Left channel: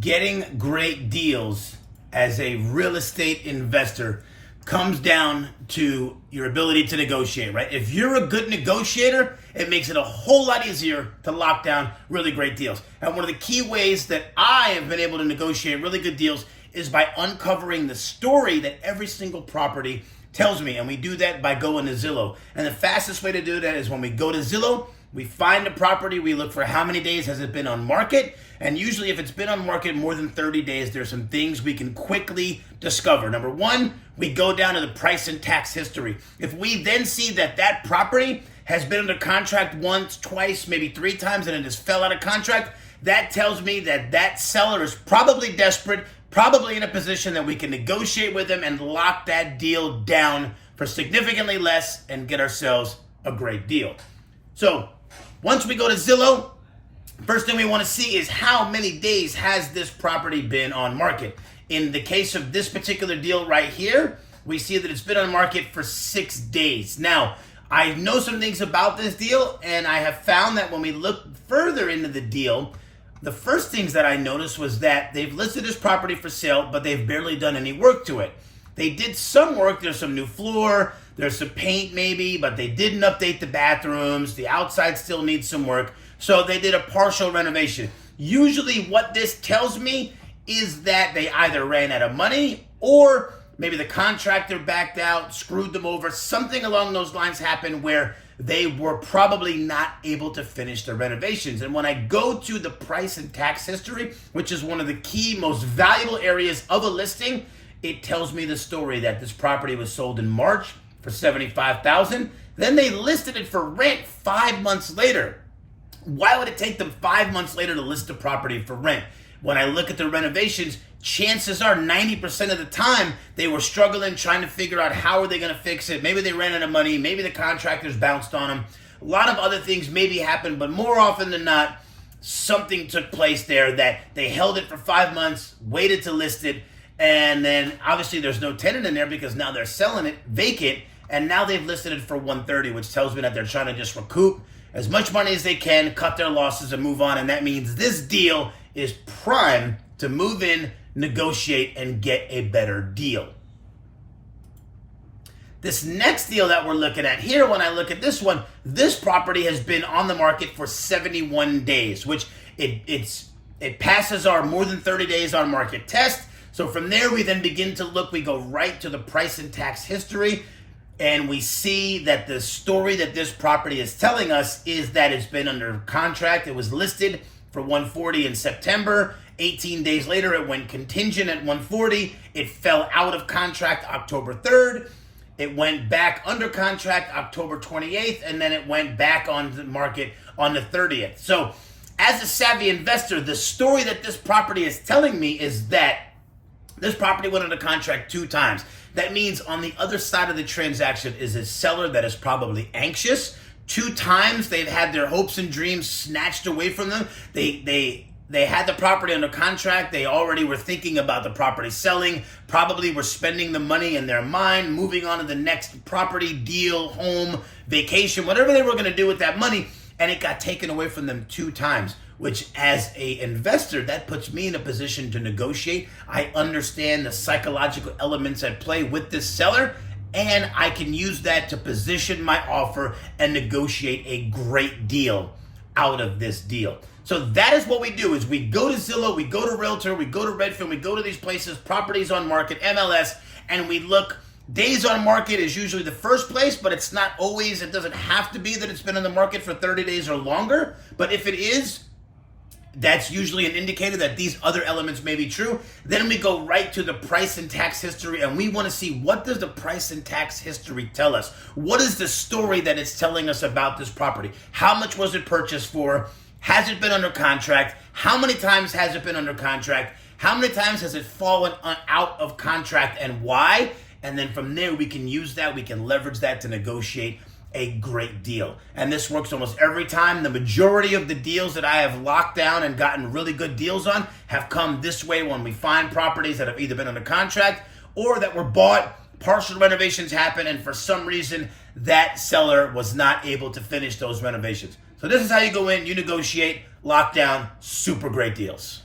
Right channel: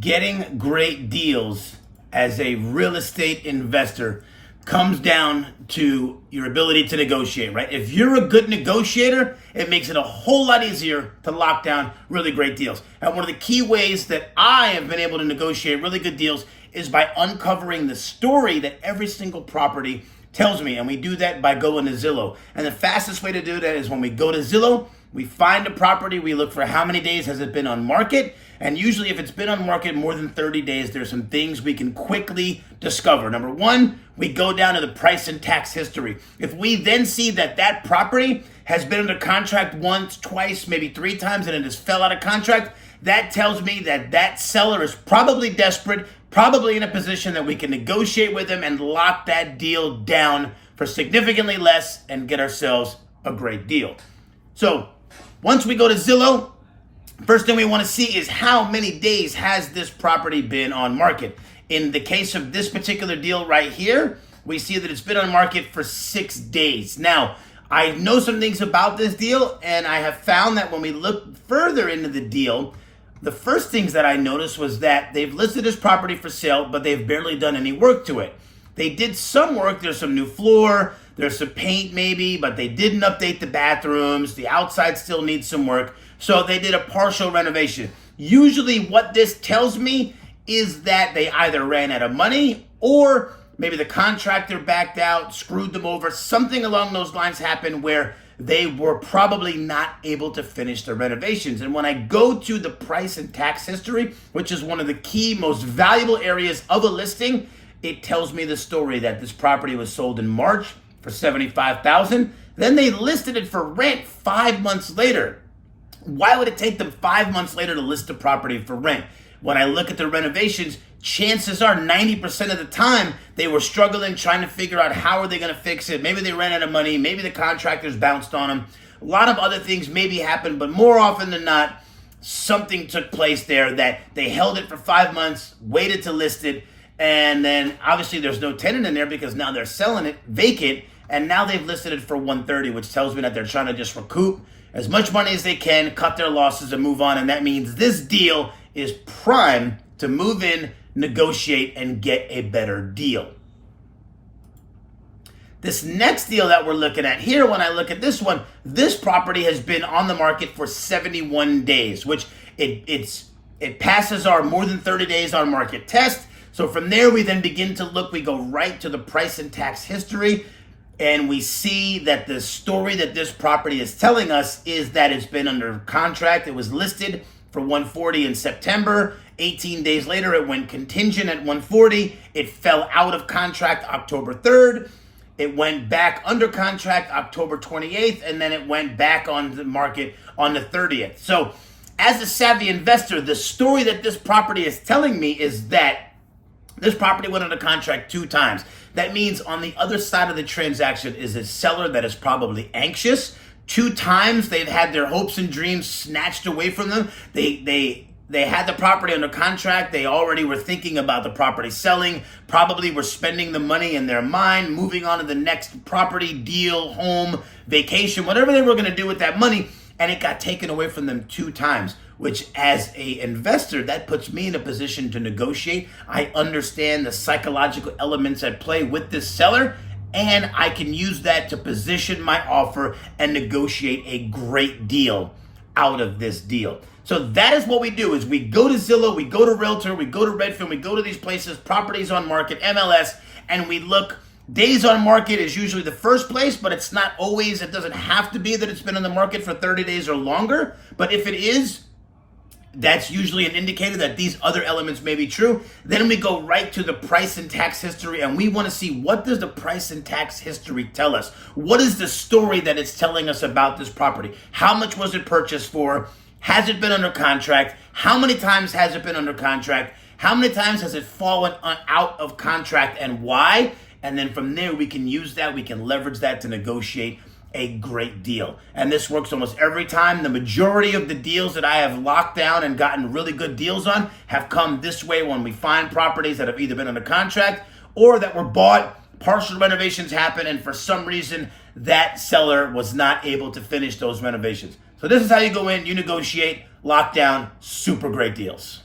Getting great deals as a real estate investor comes down to your ability to negotiate, right? If you're a good negotiator, it makes it a whole lot easier to lock down really great deals. And one of the key ways that I have been able to negotiate really good deals is by uncovering the story that every single property tells me. And we do that by going to Zillow. And the fastest way to do that is when we go to Zillow, we find the property, we look for how many days has it been on market, and usually if it's been on market more than 30 days, there's some things we can quickly discover. Number one, we go down to the price and tax history. If we then see that that property has been under contract once, twice, maybe three times, and it just fell out of contract, that tells me that that seller is probably desperate, probably in a position that we can negotiate with them and lock that deal down for significantly less and get ourselves a great deal. So once we go to Zillow, first thing we want to see is how many days has this property been on market. In the case of this particular deal right here, we see that it's been on market for 6 days. Now, I know some things about this deal, and I have found that when we look further into the deal, the first things that I noticed was that they've listed this property for sale, but they've barely done any work to it. They did some work. There's some new floor, there's some paint maybe, but they didn't update the bathrooms. The outside still needs some work. So they did a partial renovation. Usually what this tells me is that they either ran out of money or maybe the contractor backed out, screwed them over. Something along those lines happened where they were probably not able to finish the renovations. And when I go to the price and tax history, which is one of the key, most valuable areas of a listing, it tells me the story that this property was sold in March for $75,000. Then they listed it for rent 5 months later. Why would it take them 5 months later to list the property for rent? When I look at the renovations, chances are 90% of the time they were struggling, trying to figure out how are they going to fix it. Maybe they ran out of money. Maybe the contractors bounced on them. A lot of other things maybe happened, but more often than not, something took place there that they held it for 5 months, waited to list it, and then obviously there's no tenant in there because now they're selling it vacant, and now they've listed it for $130, which tells me that they're trying to just recoup as much money as they can, cut their losses, and move on. And that means this deal is prime to move in, negotiate, and get a better deal. This next deal that we're looking at here, when I look at this one, this property has been on the market for 71 days, which it passes our more than 30 days on market test. So from there, we then begin to look, we go right to the price and tax history, and we see that the story that this property is telling us is that it's been under contract. It was listed for $140 in September. 18 days later, it went contingent at $140. It fell out of contract October 3rd. It went back under contract October 28th, and then it went back on the market on the 30th. So as a savvy investor, the story that this property is telling me is that this property went under contract 2 times. That means on the other side of the transaction is a seller that is probably anxious. 2 times they've had their hopes and dreams snatched away from them. They had the property under contract. They already were thinking about the property selling, probably were spending the money in their mind, moving on to the next property, deal, home, vacation, whatever they were going to do with that money. And it got taken away from them 2 times, which as an investor, that puts me in a position to negotiate. I understand the psychological elements at play with this seller, and I can use that to position my offer and negotiate a great deal out of this deal. So that is what we do, is we go to Zillow, we go to Realtor, we go to Redfin, we go to these places, properties on market, MLS, and we look. Days on market is usually the first place, but it's not always. It doesn't have to be that it's been on the market for 30 days or longer. But if it is, that's usually an indicator that these other elements may be true. Then we go right to the price and tax history, and we want to see, what does the price and tax history tell us? What is the story that it's telling us about this property? How much was it purchased for? Has it been under contract? How many times has it been under contract? How many times has it fallen out of contract, and why? And then from there, we can use that, we can leverage that to negotiate a great deal. And this works almost every time. The majority of the deals that I have locked down and gotten really good deals on have come this way, when we find properties that have either been under contract or that were bought, partial renovations happen, and for some reason, that seller was not able to finish those renovations. So this is how you go in, you negotiate, lock down super great deals.